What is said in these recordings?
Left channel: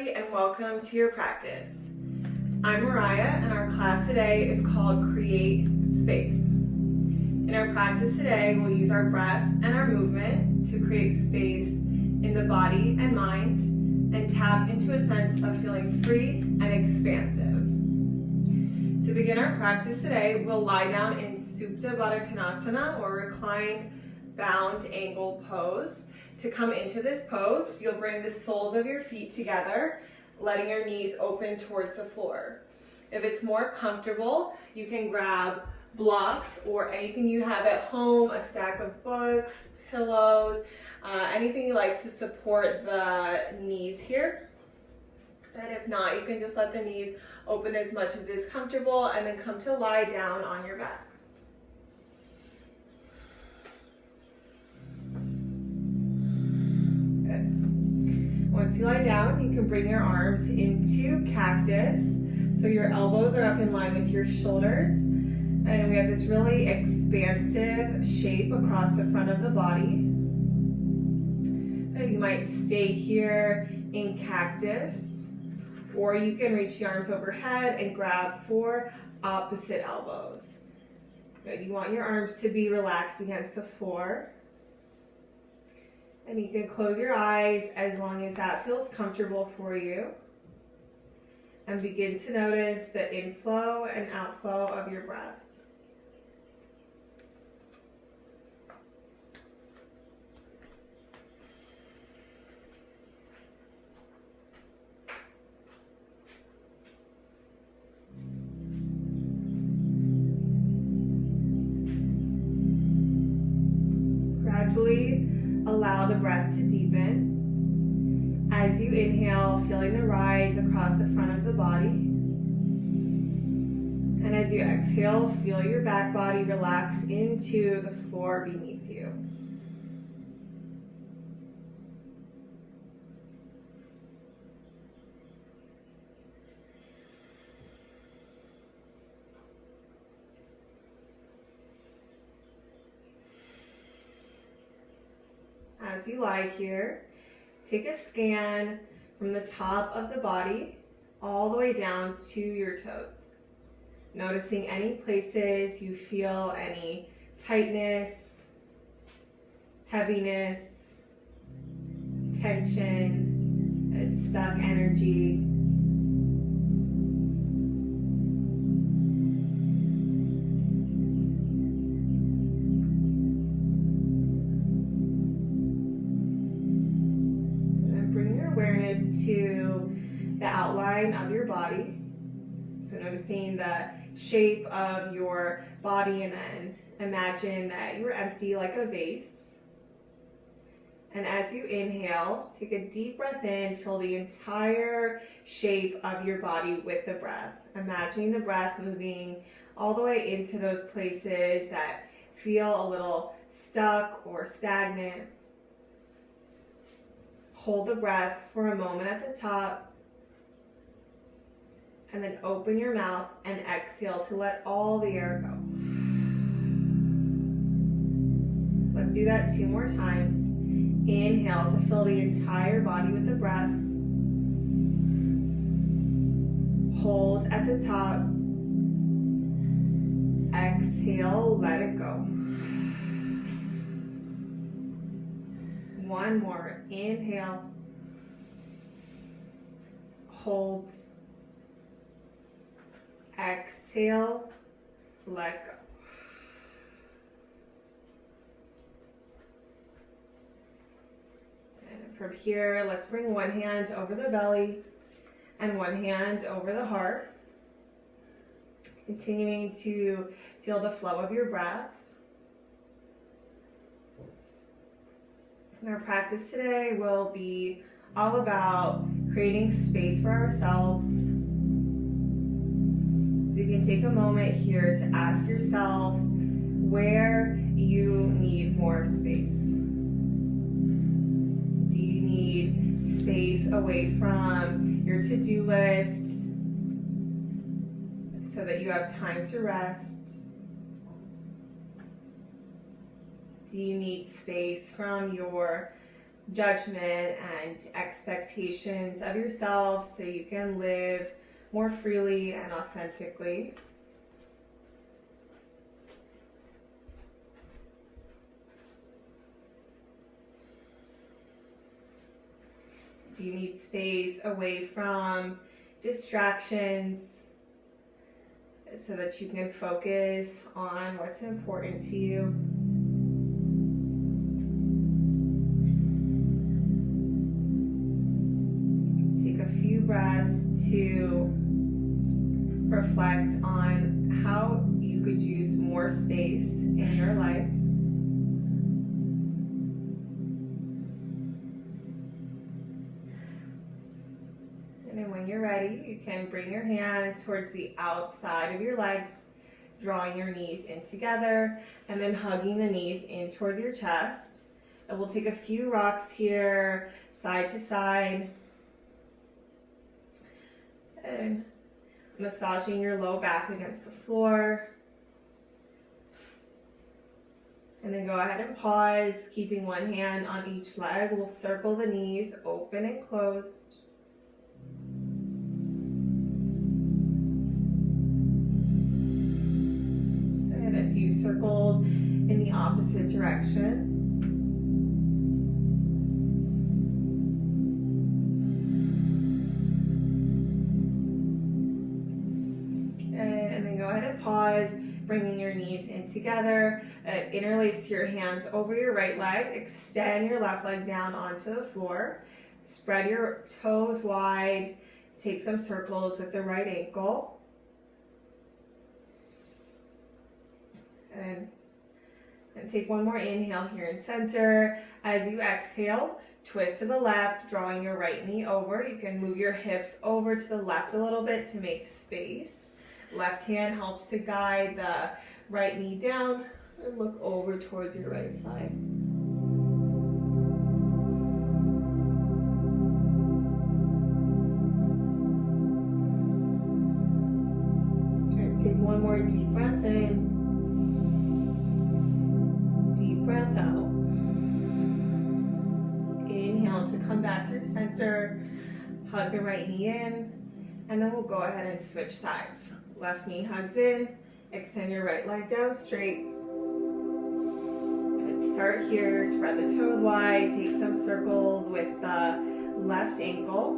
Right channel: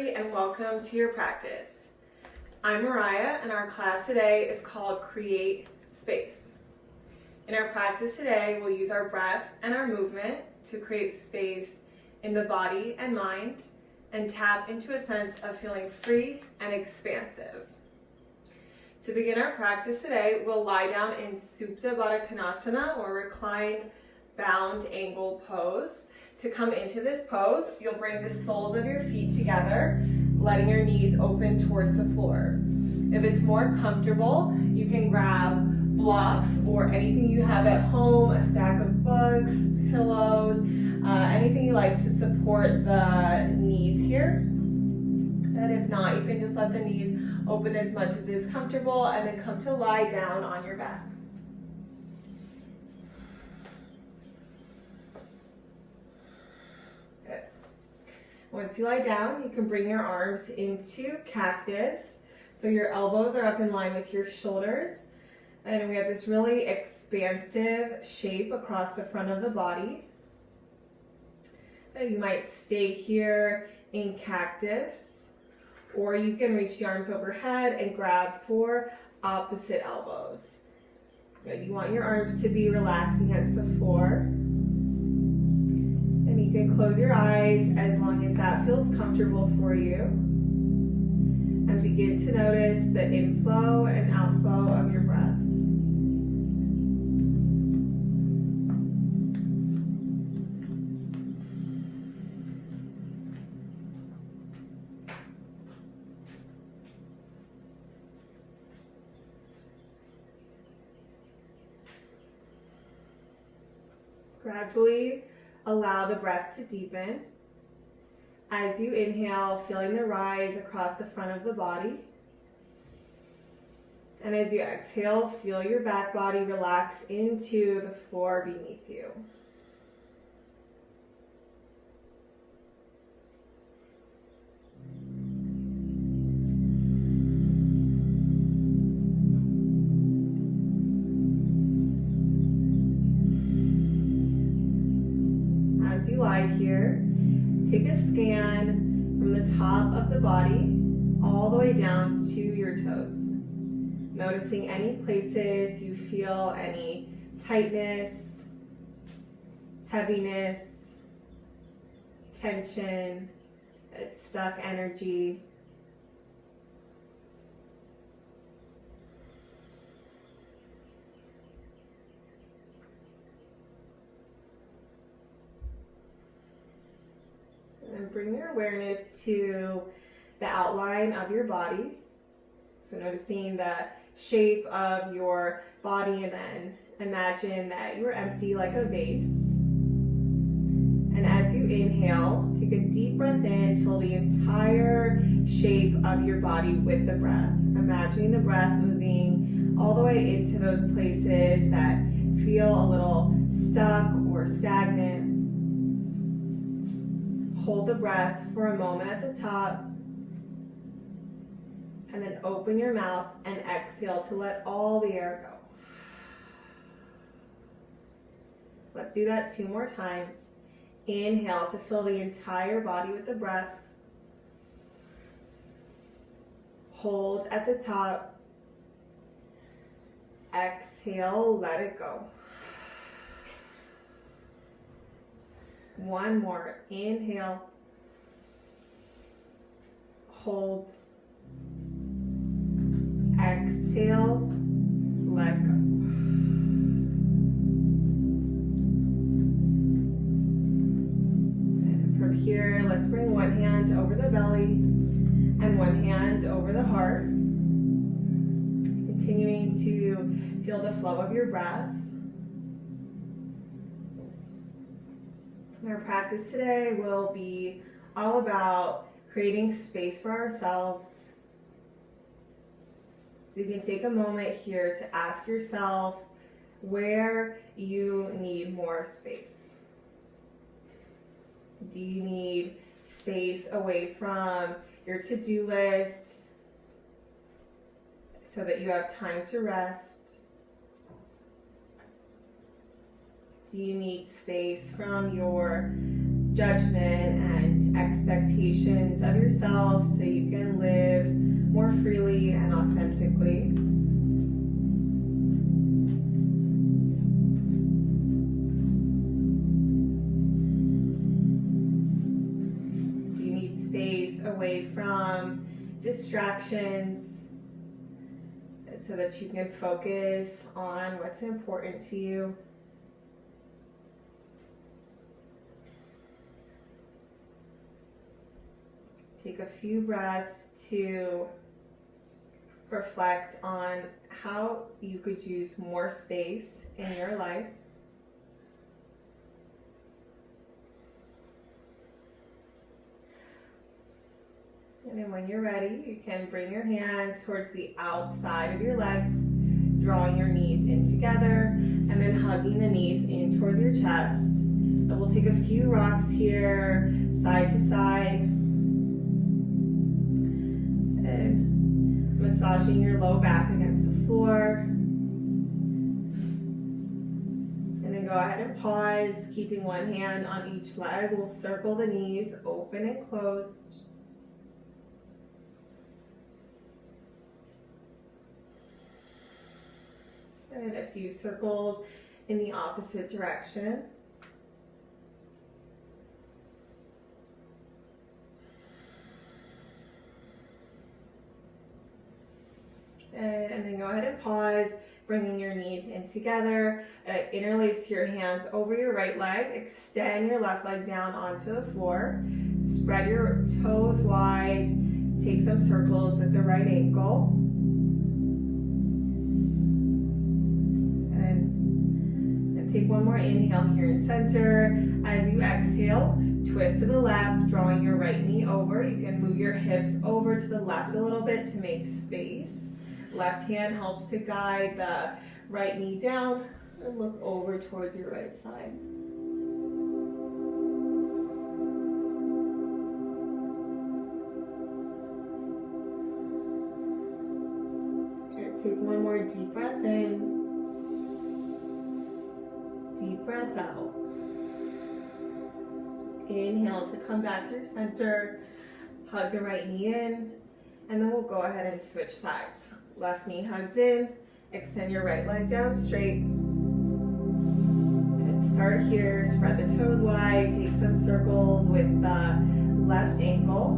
everybody, and welcome to your practice. I'm Mariah, and our class today is called Create Space. In our practice today, we'll use our breath and our movement to create space in the body and mind and tap into a sense of feeling free and expansive. To begin our practice today, we'll lie down in Supta Baddha Konasana, or reclined bound angle pose. To come into this pose, you'll bring the soles of your feet together, letting your knees open towards the floor. If it's more comfortable, you can grab blocks or anything you have at home, a stack of books, pillows, anything you like to support the knees here. And if not, you can just let the knees open as much as is comfortable and then come to lie down on your back. Once you lie down, you can bring your arms into cactus. So your elbows are up in line with your shoulders. And we have this really expansive shape across the front of the body. You might stay here in cactus, or you can reach the arms overhead and grab for opposite elbows. Good. You want your arms to be relaxed against the floor. And you can close your eyes as long as that feels comfortable for you. And begin to notice the inflow and outflow of your breath. Gradually allow the breath to deepen. As you inhale, feeling the rise across the front of the body. And as you exhale, feel your back body relax into the floor beneath you. As you lie here, take a scan from the top of the body all the way down to your toes. Noticing any places you feel any tightness, heaviness, tension, and stuck energy. Awareness to the outline of your body. So noticing the shape of your body, and then imagine that you're empty like a vase. And as you inhale, take a deep breath in, fill the entire shape of your body with the breath. Imagining the breath moving all the way into those places that feel a little stuck or stagnant. Hold the breath for a moment at the top, and then open your mouth and exhale to let all the air go. Let's do that 2 more times. Inhale to fill the entire body with the breath. Hold at the top. Exhale, let it go. 1 more. Inhale. Hold. Exhale. Let go. And from here, let's bring one hand over the belly and one hand over the heart. Continuing to feel the flow of your breath. Our practice today will be all about creating space for ourselves. So you can take a moment here to ask yourself where you need more space. Do you need space away from your to-do list so that you have time to rest? Do you need space from your judgment and expectations of yourself so you can live more freely and authentically. Do you need space away from distractions so that you can focus on what's important to you? Take a few breaths to reflect on how you could use more space in your life. And then when you're ready, you can bring your hands towards the outside of your legs, drawing your knees in together, and then hugging the knees in towards your chest. And we'll take a few rocks here, side to side, and massaging your low back against the floor. And then go ahead and pause, keeping one hand on each leg. We'll circle the knees open and closed. A few circles in the opposite direction. And then go ahead and pause, bringing your knees in together. Interlace your hands over your right leg. Extend your left leg down onto the floor. Spread your toes wide. Take some circles with the right ankle. Take one more inhale here in center. As you exhale, twist to the left, drawing your right knee over. You can move your hips over to the left a little bit to make space. Left hand helps to guide the right knee down and look over towards your right side. And take one more deep breath in. Breath out. Inhale to come back through center. Hug the right knee in. And then we'll go ahead and switch sides. Left knee hugs in. Extend your right leg down straight. And start here. Spread the toes wide. Take some circles with the left ankle.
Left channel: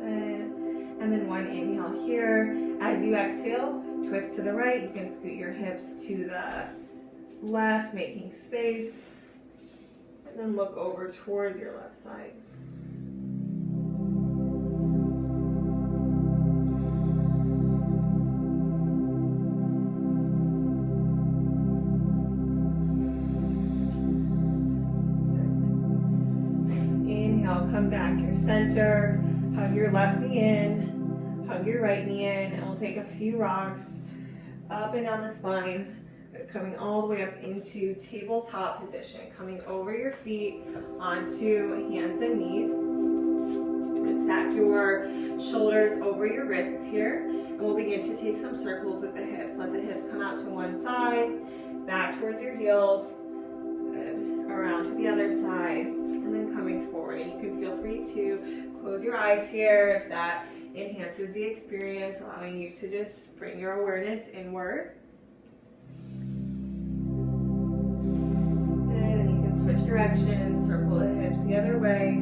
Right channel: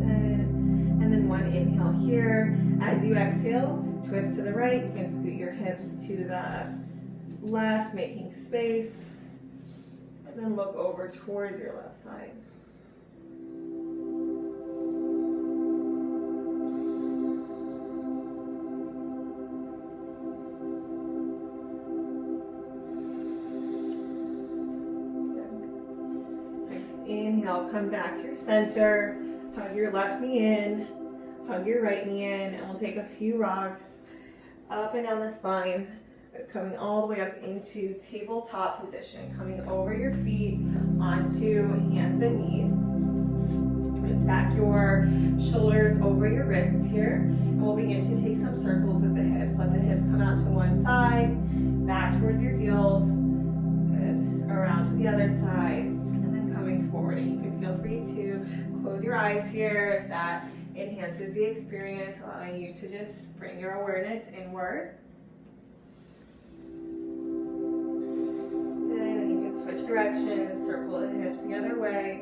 And then one inhale here. As you exhale, twist to the right. You can scoot your hips to the left, making space. And then look over towards your left side. Next inhale, come back to your center. Hug your left knee in. Hug your right knee in, and we'll take a few rocks up and down the spine, coming all the way up into tabletop position, coming over your feet onto hands and knees. And stack your shoulders over your wrists here, and we'll begin to take some circles with the hips. Let the hips come out to one side, back towards your heels, and around to the other side, and then coming forward. And you can feel free to close your eyes here if that enhances the experience, allowing you to just bring your awareness inward. And then you can switch directions, circle the hips the other way.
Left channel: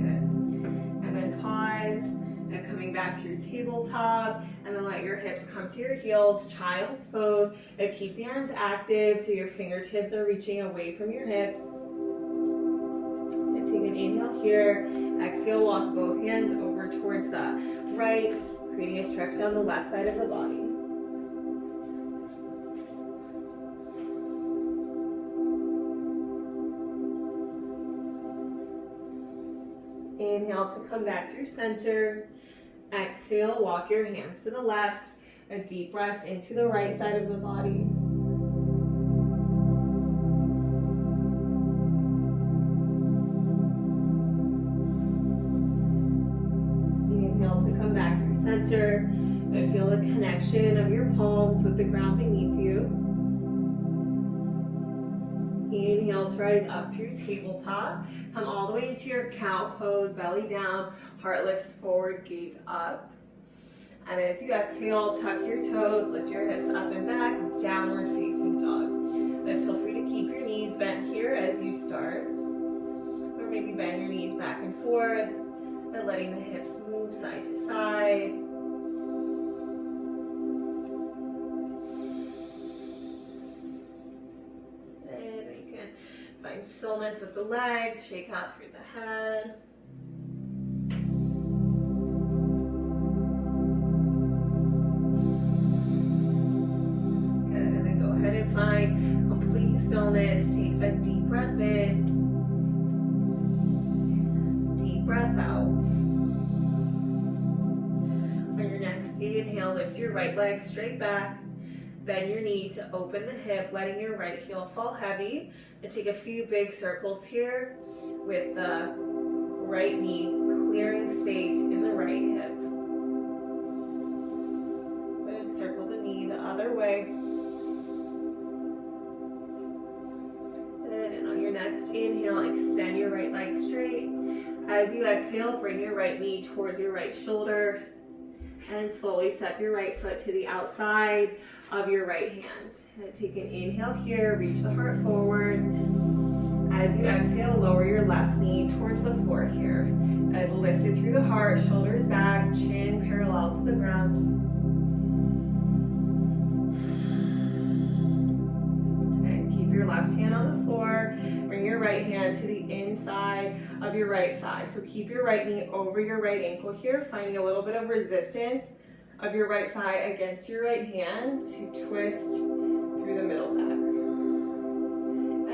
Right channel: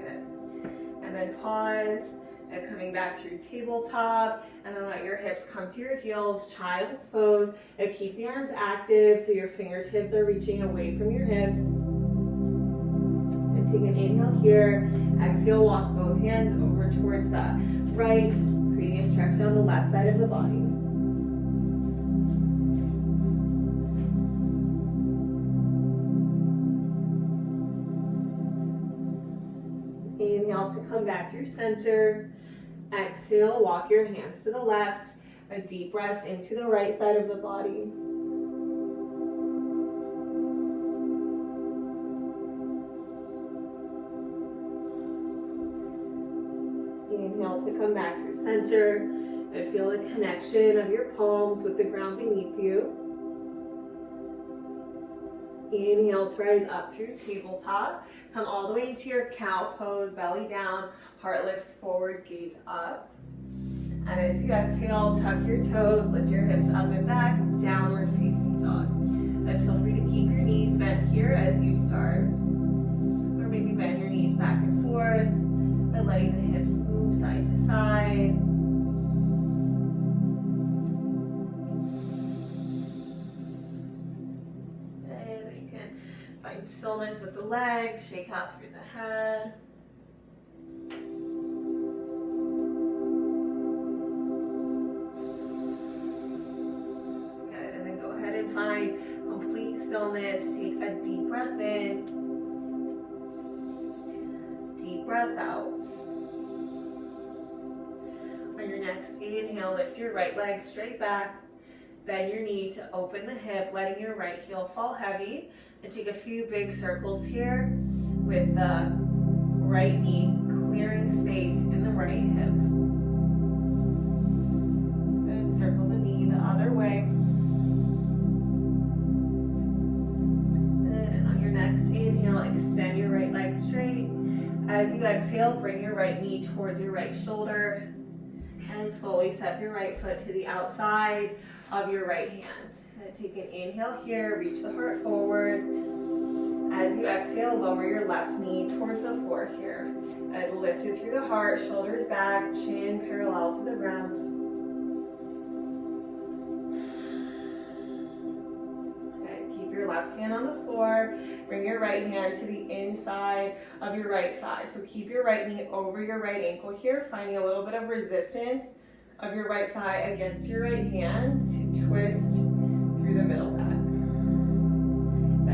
Good. And then pause. And coming back through tabletop, and then let your hips come to your heels, child's pose, and keep the arms active so your fingertips are reaching away from your hips. And take an inhale here, exhale, walk both hands over towards the right, creating a stretch down the left side of the body. Inhale to come back through center. Exhale, walk your hands to the left. A deep breath into the right side of the body. come back through center and feel the connection of your palms with the ground beneath you. Inhale to rise up through tabletop. Come all the way into your cow pose, belly down, heart lifts forward, gaze up. And as you exhale, tuck your toes, lift your hips up and back, downward facing dog. And feel free to keep your knees bent here as you start. Or maybe bend your knees back and forth by letting the hips move side to side. And you can find stillness with the legs, shake out through the head. Find complete stillness. Take a deep breath in, deep breath out. On your next inhale, lift your right leg straight back, bend your knee to open the hip, letting your right heel fall heavy, and take a few big circles here with the right knee clearing space in the right hip. Good. Circle the knee the other way. Next inhale, extend your right leg straight. As you exhale, bring your right knee towards your right shoulder and slowly step your right foot to the outside of your right hand. Take an inhale here, reach the heart forward. As you exhale, lower your left knee towards the floor here. And lift it through the heart, shoulders back, chin parallel to the ground. Your left hand on the floor, bring your right hand to the inside of your right thigh. So keep your right knee over your right ankle here, finding a little bit of resistance of your right thigh against your right hand to twist through the middle back.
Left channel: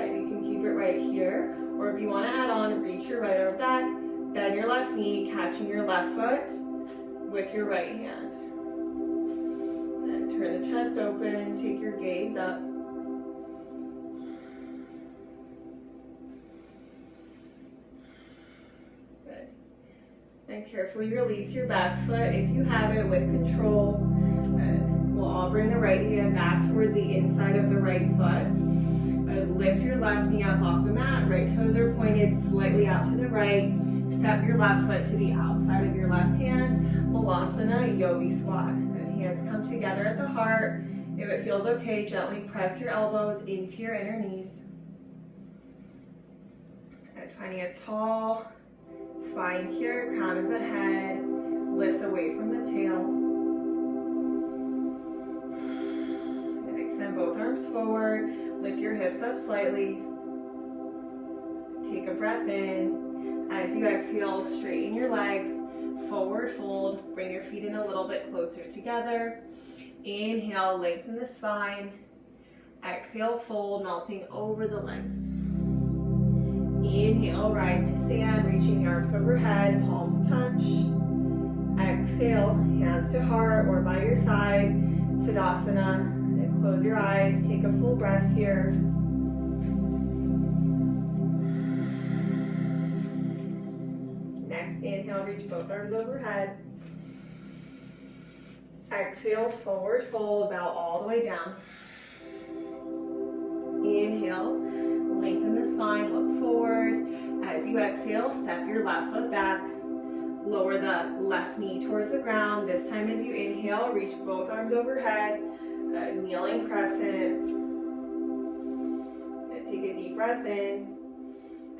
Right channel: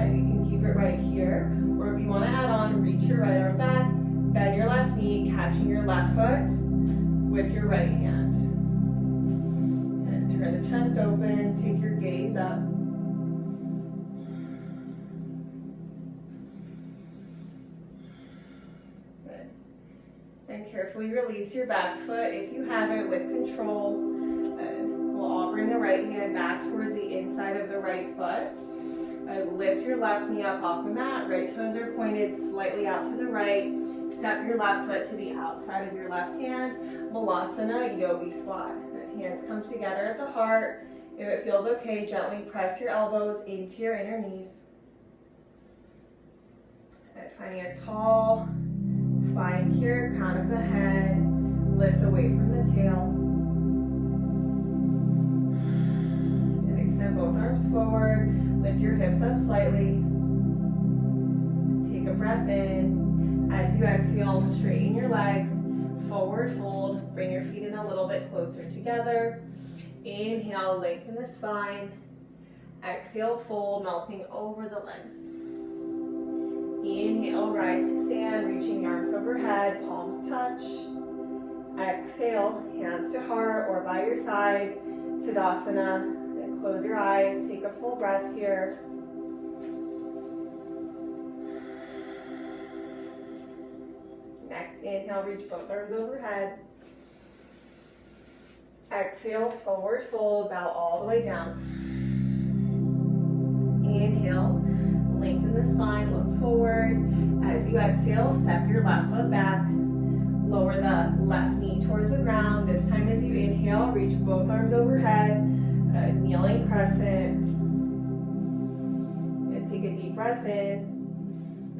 And you can keep it right here, or if you want to add on, reach your right arm back, bend your left knee, catching your left foot with your right hand. And turn the chest open, take your gaze up. And carefully release your back foot if you have it with control. We'll all bring the right hand back towards the inside of the right foot. Lift your left knee up off the mat. Right toes are pointed slightly out to the right. Step your left foot to the outside of your left hand. Malasana Yogi Squat. Hands come together at the heart. If it feels okay, gently press your elbows into your inner knees. And finding a tall spine here, crown of the head lifts away from the tail. And extend both arms forward, lift your hips up slightly. Take a breath in. As you exhale, straighten your legs, forward fold, bring your feet in a little bit closer together. Inhale, lengthen the spine. Exhale, fold, melting over the legs. Inhale, rise to stand, reaching the arms overhead, palms touch. Exhale, hands to heart or by your side, Tadasana. And close your eyes, take a full breath here. Next inhale, reach both arms overhead. Exhale, forward fold, bow all the way down. Inhale. Lengthen the spine, look forward. As you exhale, step your left foot back. Lower the left knee towards the ground. This time as you inhale, reach both arms overhead. Kneeling crescent. And take a deep breath in.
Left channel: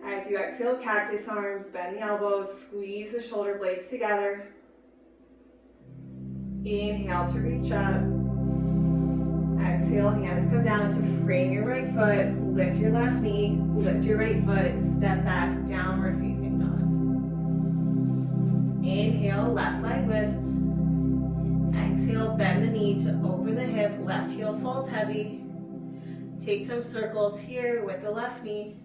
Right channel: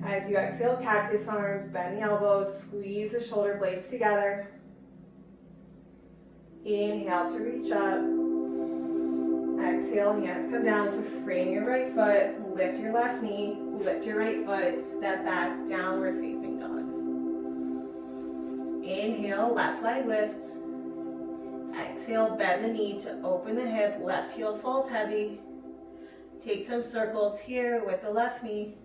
As you exhale, cactus arms, bend the elbows, squeeze the shoulder blades together. Inhale to reach up. Exhale, hands come down to frame your right foot, lift your left knee, lift your right foot, step back, downward facing dog. Inhale, left leg lifts. Exhale, bend the knee to open the hip, left heel falls heavy. Take some circles here with the left knee.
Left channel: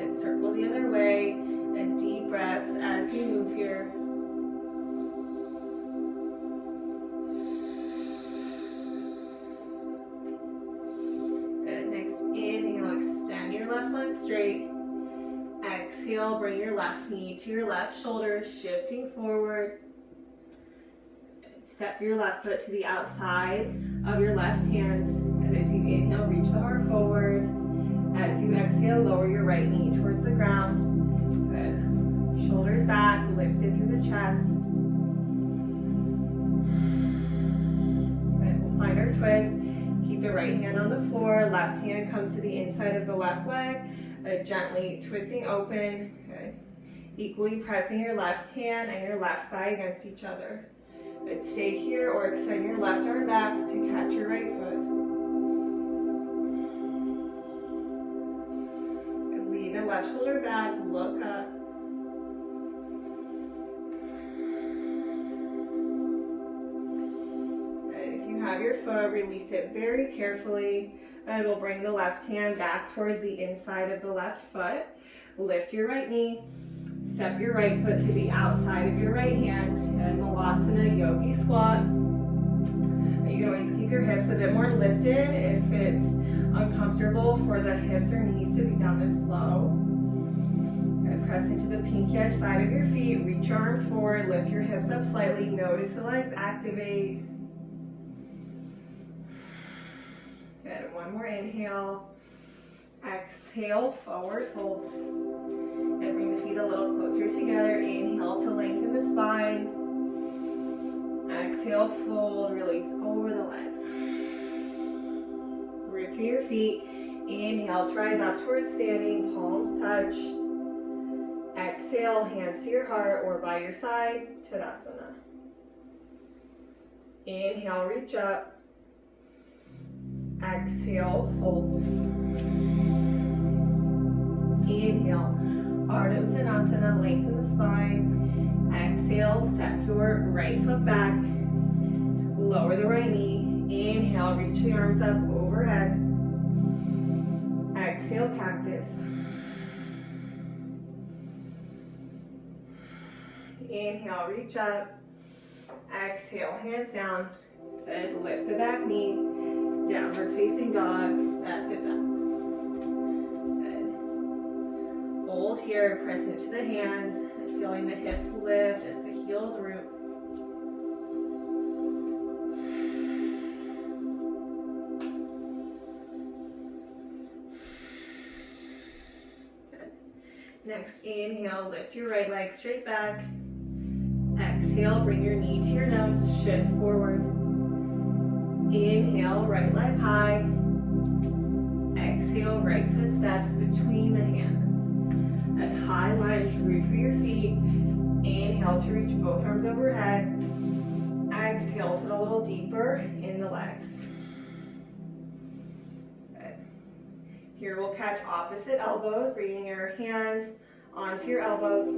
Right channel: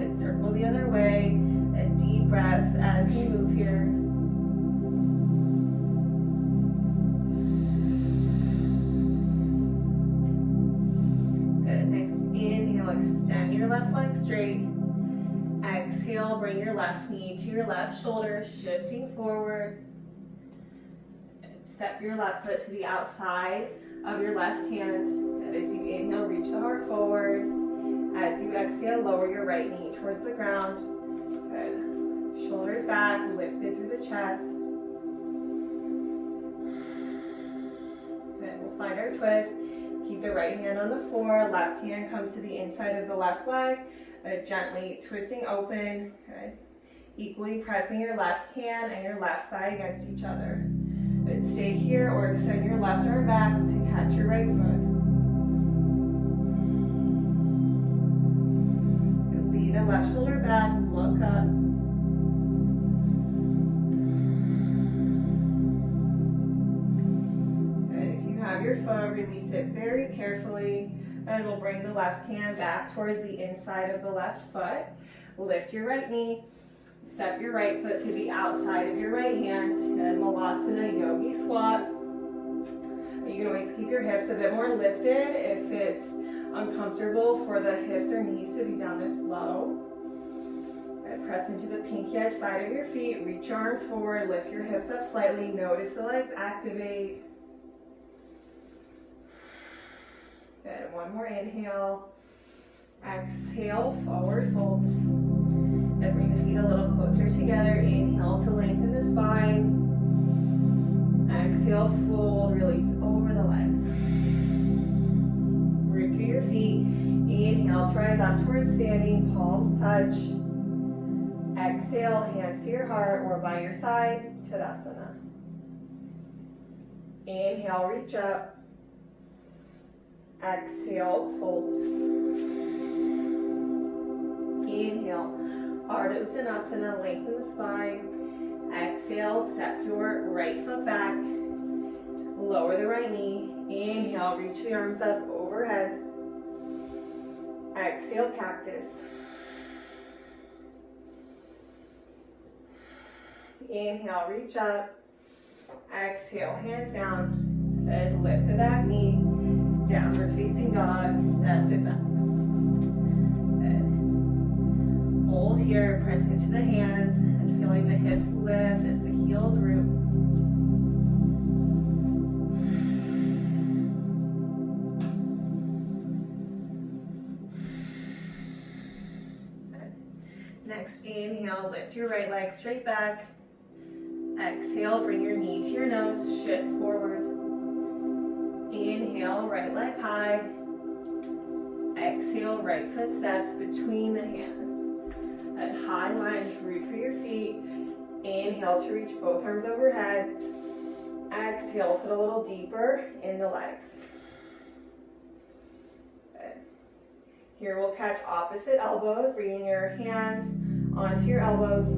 And circle the other way. And deep breaths as you move here. Good. Next inhale, extend your left leg straight. Exhale, bring your left knee to your left shoulder, shifting forward. Step your left foot to the outside of your left hand. And as you inhale, reach the heart forward. As you exhale, lower your right knee towards the ground. Good. Shoulders back, lifted through the chest. Good. We'll find our twist. Keep the right hand on the floor. Left hand comes to the inside of the left leg. Gently twisting open. Good. Equally pressing your left hand and your left thigh against each other. And stay here or extend your left arm back to catch your right foot. And lean the left shoulder back, look up. And if you have your foot, release it very carefully. And we'll bring the left hand back towards the inside of the left foot. Lift your right knee. Step your right foot to the outside of your right hand, and Malasana Yogi Squat. You can always keep your hips a bit more lifted if it's uncomfortable for the hips or knees to be down this low. And press into the pinky edge side of your feet, reach your arms forward, lift your hips up slightly, notice the legs activate. Good, one more inhale. Exhale, forward fold. And bring the feet a little closer together. Inhale to lengthen the spine. Exhale, fold, release over the legs. Root through your feet. Inhale to rise up towards standing, palms touch. Exhale, hands to your heart or by your side, Tadasana. Inhale, reach up. Exhale, fold. Inhale. Ardha Uttanasana, lengthen the spine. Exhale, step your right foot back. Lower the right knee. Inhale, reach the arms up overhead. Exhale, cactus. Inhale, reach up. Exhale, hands down. And lift the back knee. Downward facing dog, step it back. Hold here, press into the hands, and feeling the hips lift as the heels root. Good. Next, inhale, lift your right leg straight back. Exhale, bring your knee to your nose, shift forward. Inhale, right leg high. Exhale, right foot steps between the hands. At high lunge, root for your feet. Inhale to reach both arms overhead. Exhale, sit a little deeper in the legs. Good. Here we'll catch opposite elbows, bringing your hands onto your elbows.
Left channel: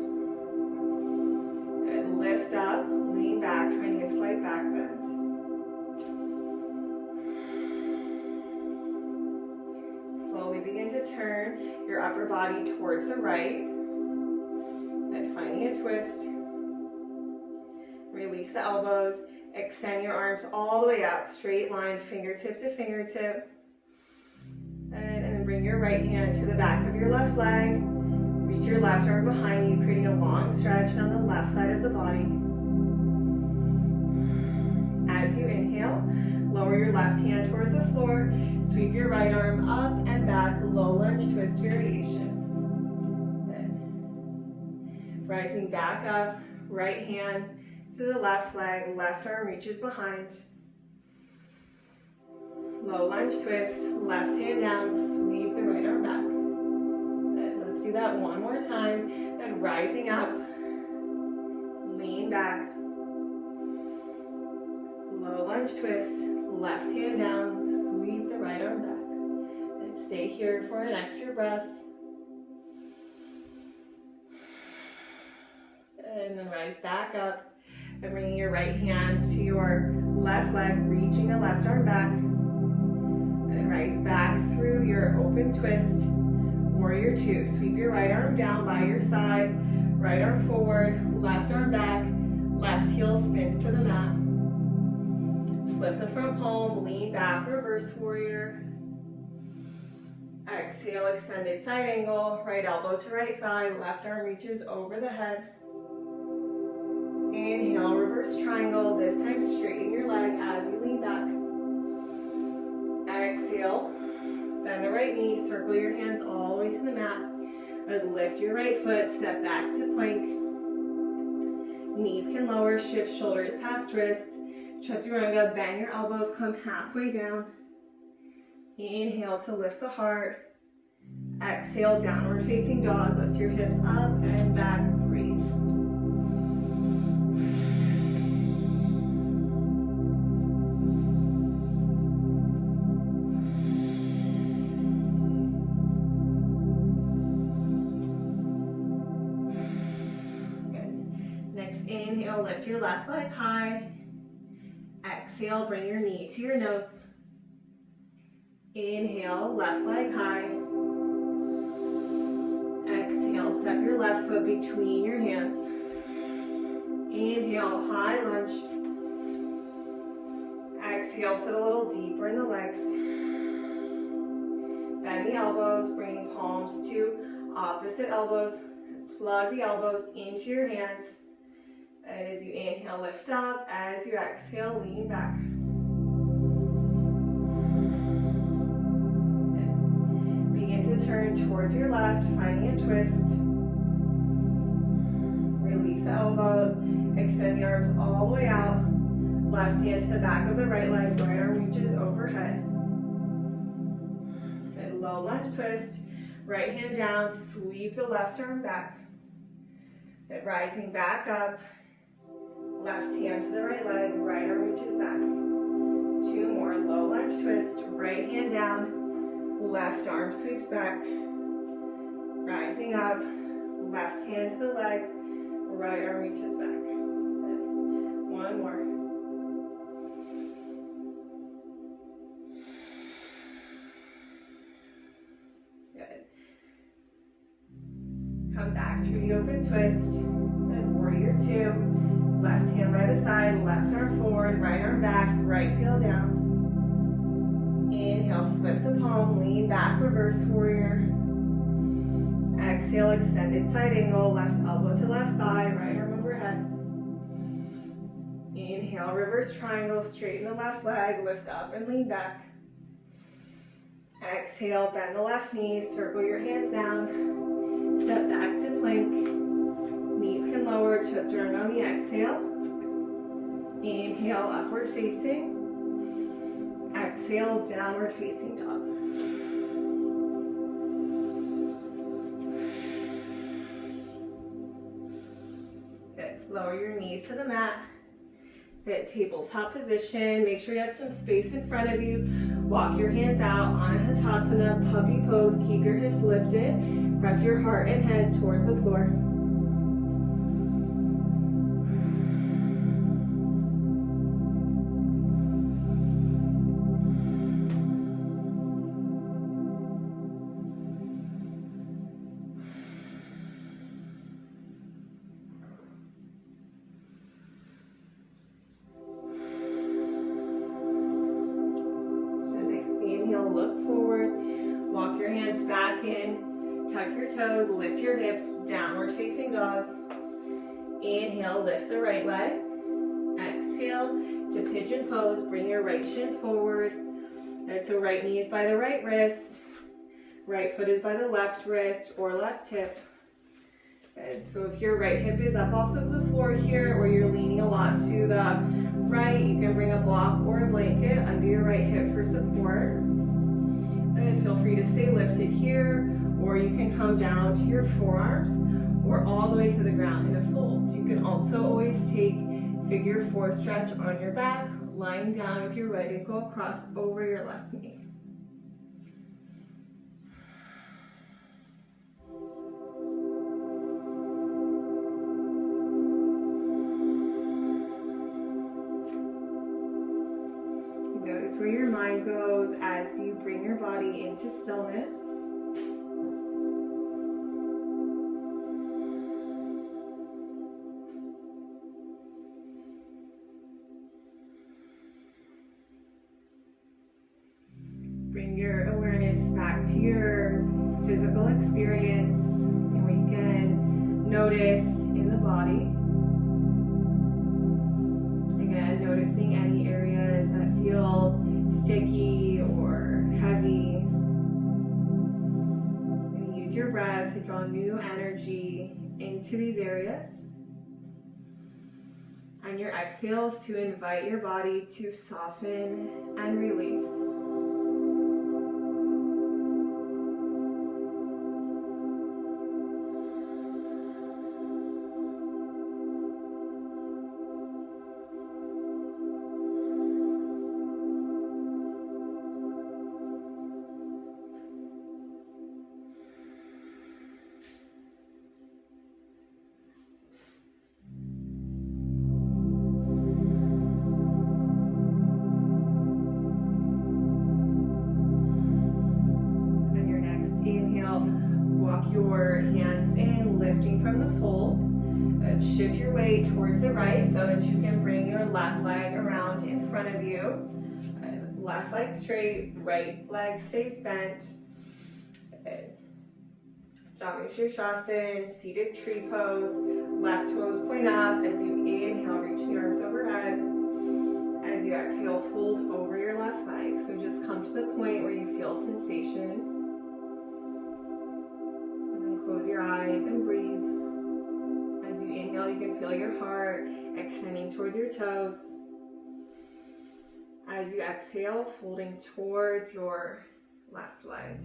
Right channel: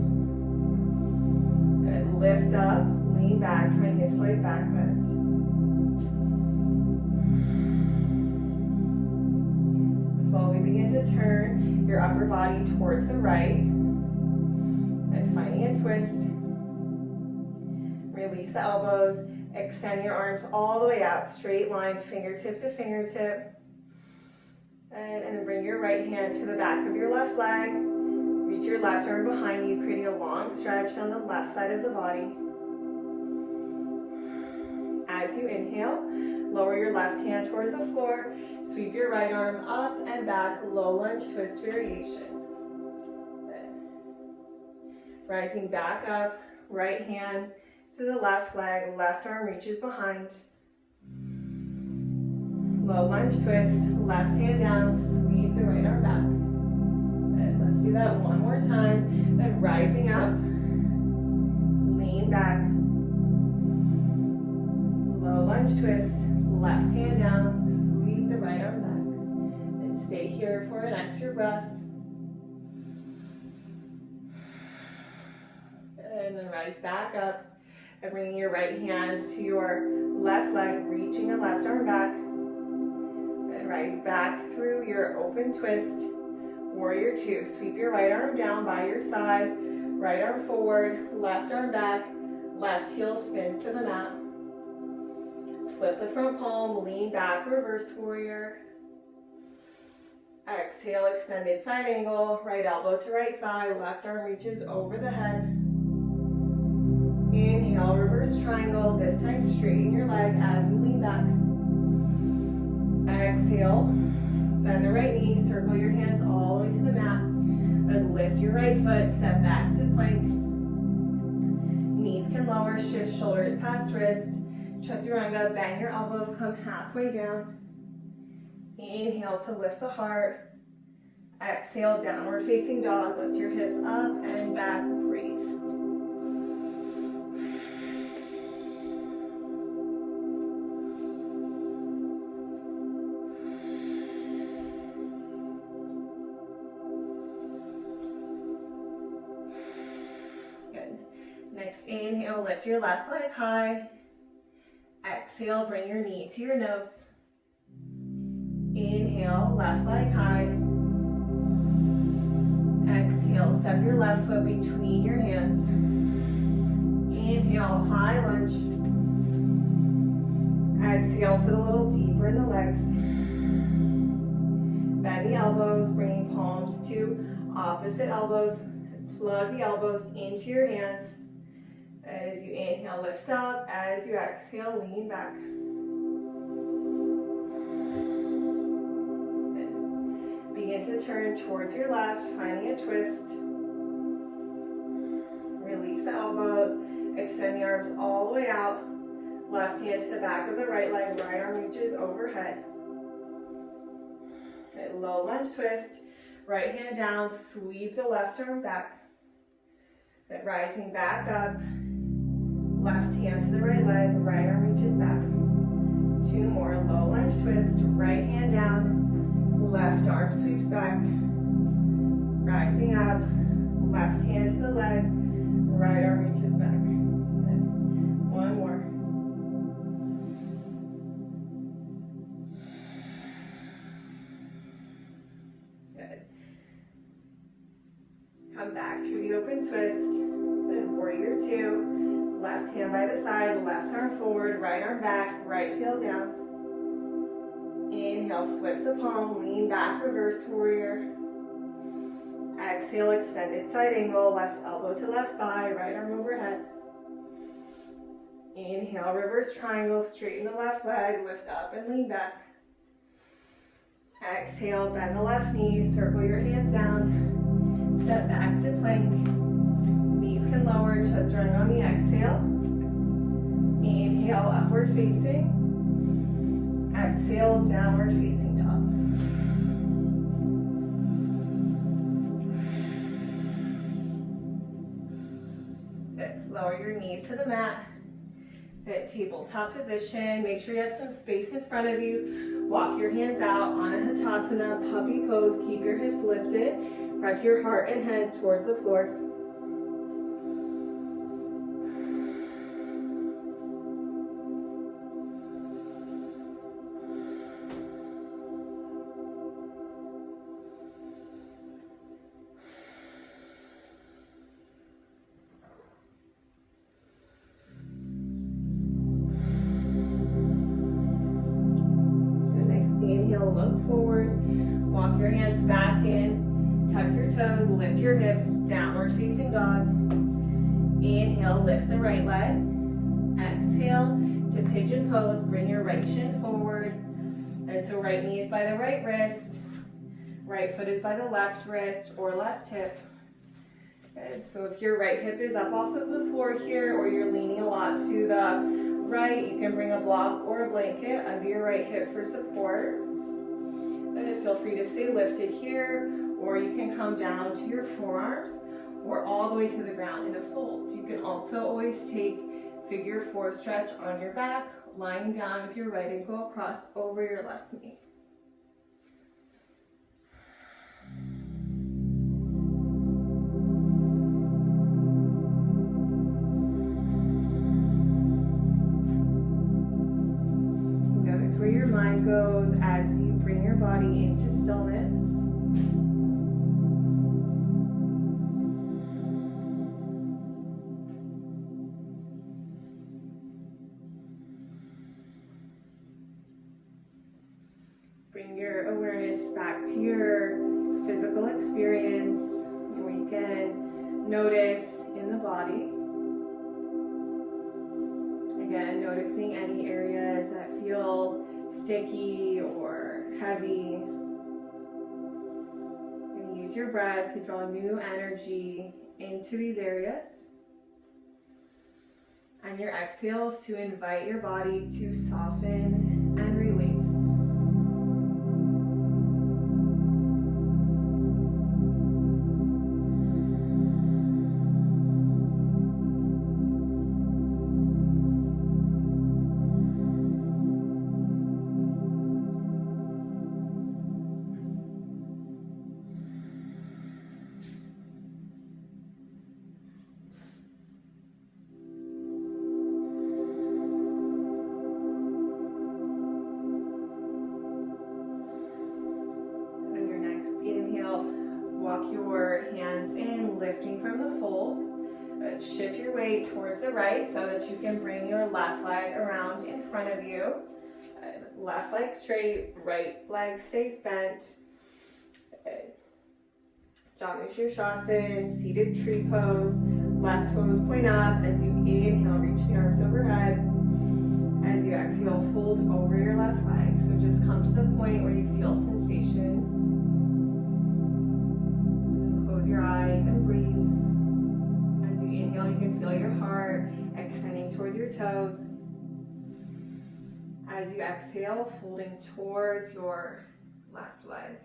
Good. Lift up, lean back, trying to get a slight back bend. Slowly begin to turn your upper body towards the right and finding a twist. Release the elbows, extend your arms all the way out, straight line, fingertip to fingertip. And then bring your right hand to the back of your left leg. Reach your left arm behind you, creating a long stretch down the left side of the body. As you inhale, lower your left hand towards the floor. Sweep your right arm up and back, low lunge twist variation. Good. Rising back up, right hand to the left leg, left arm reaches behind. Low lunge twist, left hand down, sweep the right arm back. And let's do that one more time. Then rising up, lean back. Low lunge twist, left hand down, sweep the right arm back. And stay here for an extra breath. And then rise back up and bringing your right hand to your left leg, reaching the left arm back. And rise back through your open twist. Warrior two. Sweep your right arm down by your side, right arm forward, left arm back, left heel spins to the mat. Flip the front palm, lean back, reverse warrior. Exhale, extended side angle, right elbow to right thigh, left arm reaches over the head. Inhale, reverse triangle, this time straighten your leg as you lean back. Exhale, bend the right knee, circle your hands all the way to the mat, and lift your right foot, step back to plank. Knees can lower, shift shoulders past wrists. Chaturanga, bend your elbows, come halfway down. Inhale to lift the heart. Exhale, downward facing dog, lift your hips up and back, breathe. Next inhale, lift your left leg high. Exhale, bring your knee to your nose. Inhale, left leg high. Exhale, step your left foot between your hands. Inhale, high lunge. Exhale, sit a little deeper in the legs. Bend the elbows, bringing palms to opposite elbows. Plug the elbows into your hands. As you inhale, lift up. As you exhale, lean back. Begin to turn towards your left, finding a twist. Release the elbows. Extend the arms all the way out. Left hand to the back of the right leg. Right arm reaches overhead. Good. Low lunge twist. Right hand down. Sweep the left arm back. Good. Rising back up. Left hand to the right leg, right arm reaches back. Two more, low lunge twist, right hand down, left arm sweeps back. Rising up, left hand to the leg, right arm reaches back. Good. One more. Good. Come back through the open twist. Good. Warrior two. Left hand by the side, left arm forward, right arm back, right heel down. Inhale, flip the palm, lean back, reverse warrior. Exhale, extended side angle, left elbow to left thigh, right arm overhead. Inhale, reverse triangle, straighten the left leg, lift up and lean back. Exhale, bend the left knee, circle your hands down, step back to plank. Knees can lower, chaturanga on the exhale. Inhale, upward facing. Exhale, downward facing dog. Good. Lower your knees to the mat. Good. Tabletop position. Make sure you have some space in front of you. Walk your hands out on a Hatasana, puppy pose. Keep your hips lifted. Press your heart and head towards the floor. Look forward, walk your hands back in, tuck your toes, lift your hips, downward facing dog. Inhale, lift the right leg. Exhale to pigeon pose, bring your right shin forward. And so right knee is by the right wrist, right foot is by the left wrist or left hip. Good. So if your right hip is up off of the floor here or you're leaning a lot to the right, you can bring a block or a blanket under your right hip for support. And feel free to stay lifted here, or you can come down to your forearms or all the way to the ground in a fold. You can also always take figure four stretch on your back, lying down with your right ankle crossed over your left knee. Notice where your mind goes as you bring your body into stillness. Bring your awareness back to your experience and what you can notice in the body. Again, noticing any areas that feel sticky or heavy. And use your breath to draw new energy into these areas. And your exhales to invite your body to soften and release. Inhale, walk your hands in, lifting from the folds. Shift your weight towards the right so that you can bring your left leg around in front of you. Left leg straight, right leg stays bent. Janushirshasana, seated tree pose. Left toes point up as you inhale, reach the arms overhead. As you exhale, fold over your left leg. So just come to the point where you feel sensation. Close your eyes and breathe. As you inhale, you can feel your heart extending towards your toes. As you exhale, folding towards your left leg.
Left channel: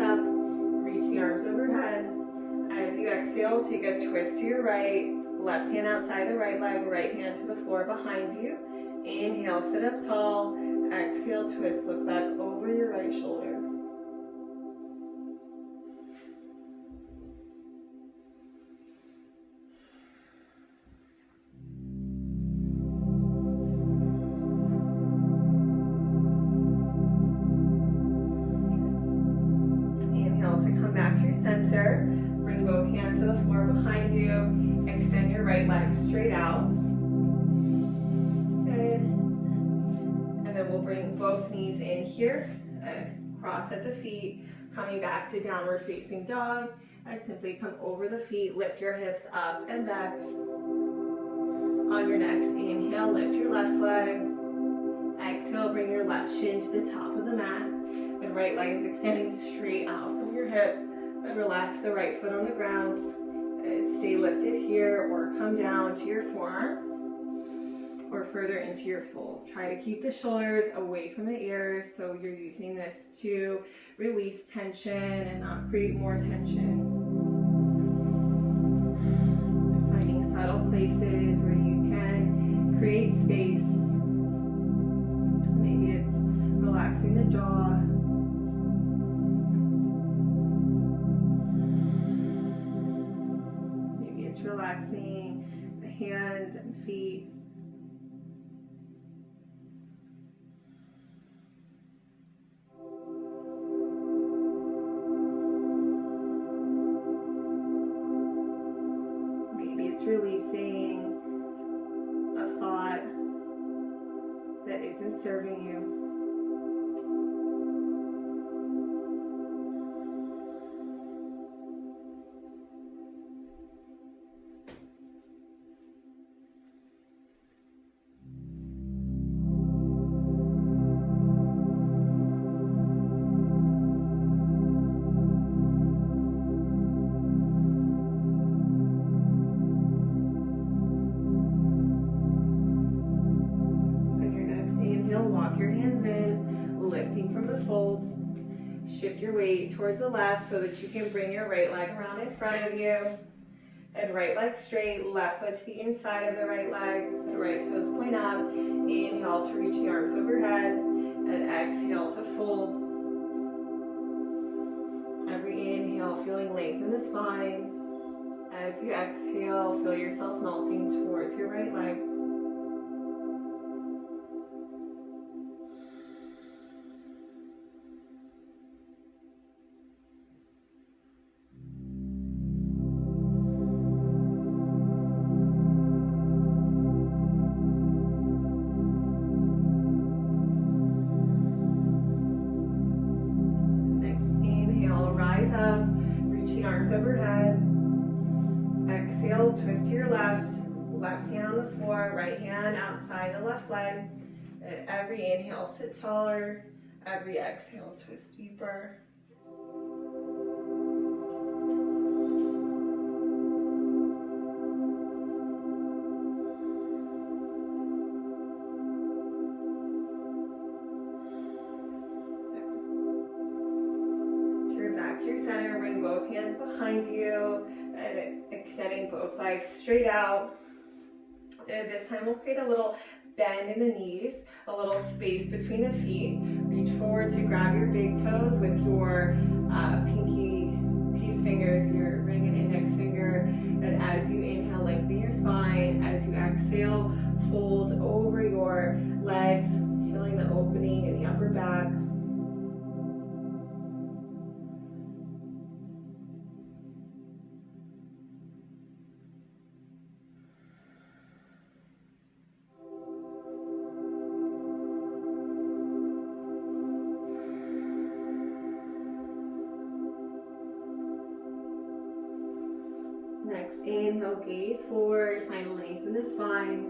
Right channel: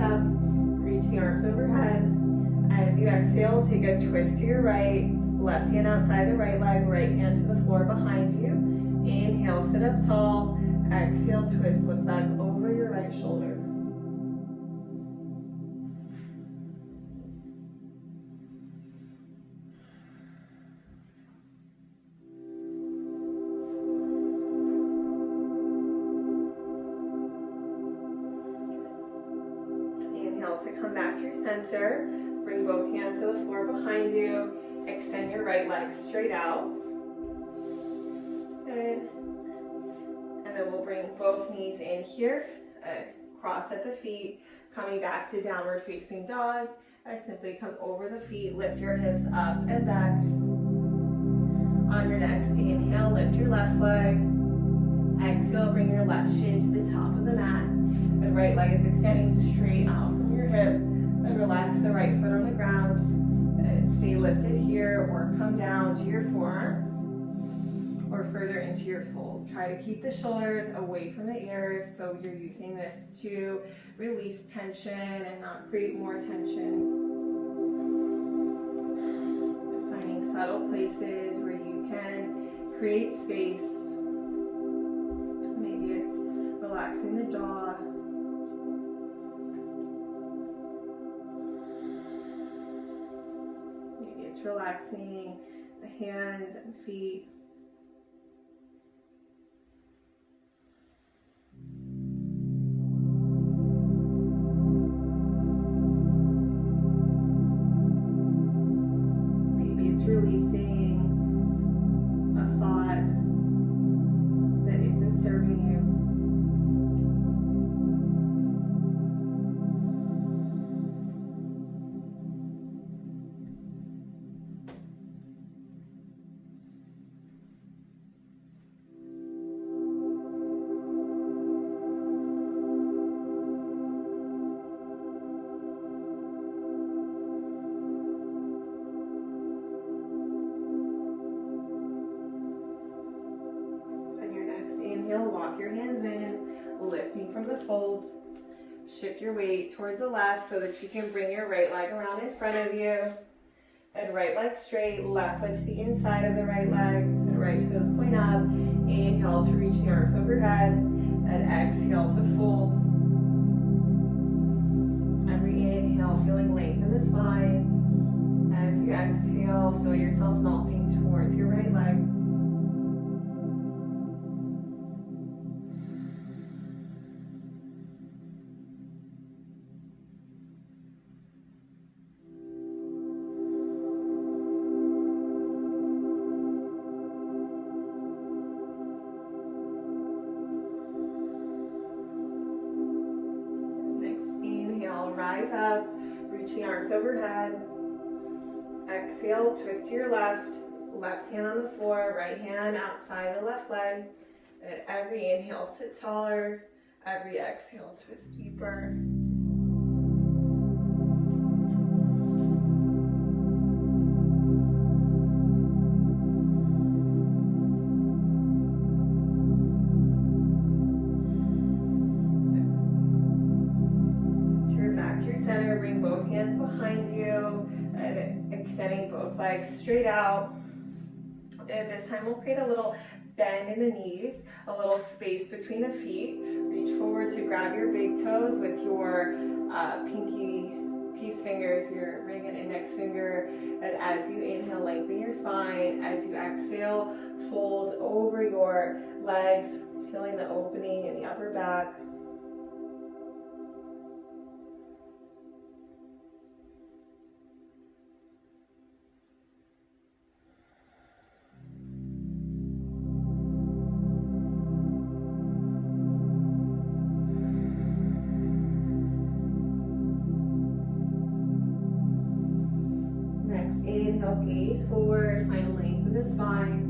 Up, reach the arms overhead. As you exhale, take a twist to your right, left hand outside the right leg, right hand to the floor behind you. Inhale, sit up tall. Exhale, twist, look back over your right shoulder. To come back to your center, bring both hands to the floor behind you, extend your right leg straight out. Good. And then we'll bring both knees in here, cross at the feet, coming back to downward facing dog. And simply come over the feet, lift your hips up and back. On your next inhale, lift your left leg. Exhale, bring your left shin to the top of the mat. The right leg is extending straight out from your hip. And relax the right foot on the ground. Stay lifted here or come down to your forearms or further into your fold. Try to keep the shoulders away from the ears so you're using this to release tension and not create more tension. And finding subtle places where you can create space. Maybe it's relaxing the jaw. Maybe it's relaxing the hands and feet. Maybe it's releasing a thought that isn't serving you. Walk your hands in, lifting from the folds. Shift your weight towards the left so that you can bring your right leg around in front of you. And right leg straight, left foot to the inside of the right leg. And right toes point up. Inhale to reach the arms overhead. And exhale to fold. And every inhale, feeling length in the spine. As you exhale, feel yourself melting towards your right leg. Rise up, reach the arms overhead. Exhale, twist to your left. Left hand on the floor, right hand outside the left leg. At every inhale, sit taller. Every exhale, twist deeper. Center, bring both hands behind you, and extending both legs straight out. And this time we'll create a little bend in the knees, a little space between the feet. Reach forward to grab your big toes with your pinky peace fingers, your ring and index finger. And as you inhale, lengthen your spine. As you exhale, fold over your legs, feeling the opening in the upper back. Inhale, gaze forward, find length in the spine.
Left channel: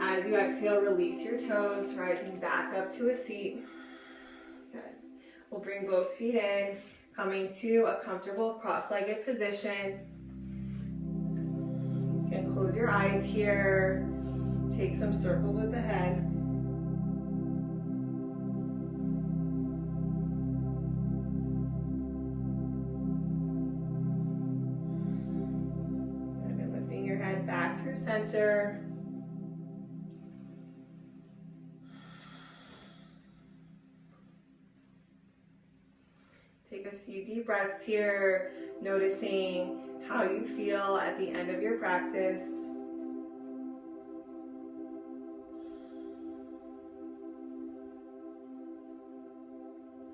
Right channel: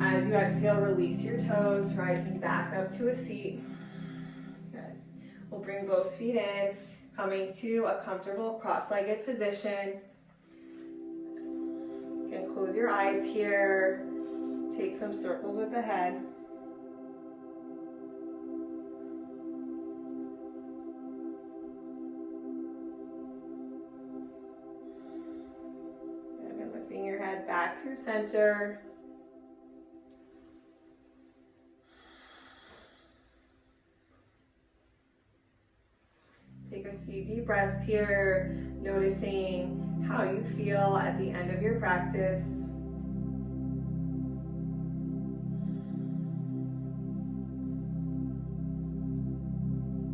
As you exhale, release your toes, rising back up to a seat. Good. We'll bring both feet in, coming to a comfortable cross-legged position. You can close your eyes here, take some circles with the head. Back through center. Take a few deep breaths here, noticing how you feel at the end of your practice.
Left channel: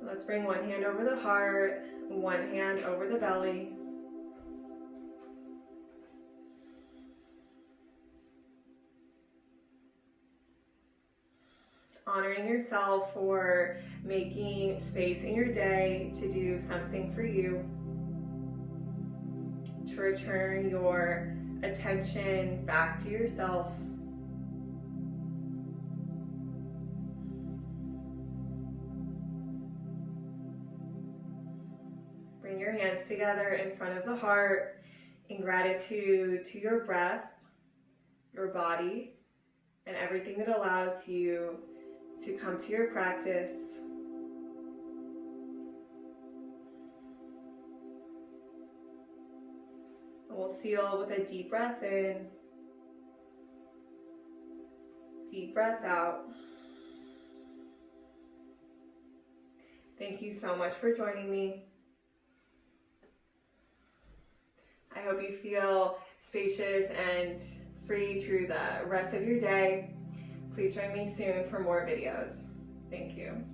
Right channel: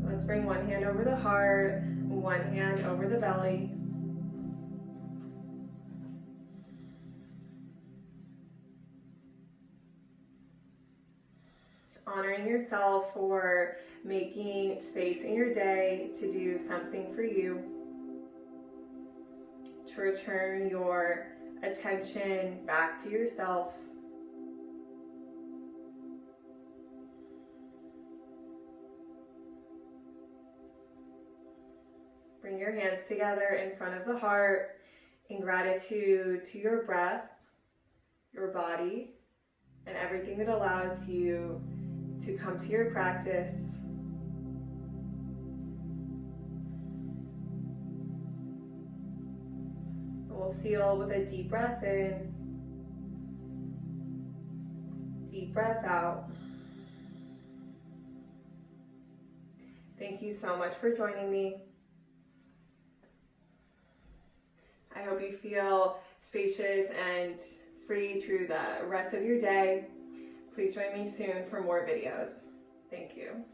Let's bring one hand over the heart, one hand over the belly. Honoring yourself for making space in your day to do something for you, to return your attention back to yourself. Bring your hands together in front of the heart in gratitude to your breath, your body, and everything that allows you to come to your practice. We'll seal with a deep breath in, deep breath out. Thank you so much for joining me. I hope you feel spacious and free through the rest of your day. Please join me soon for more videos. Thank you.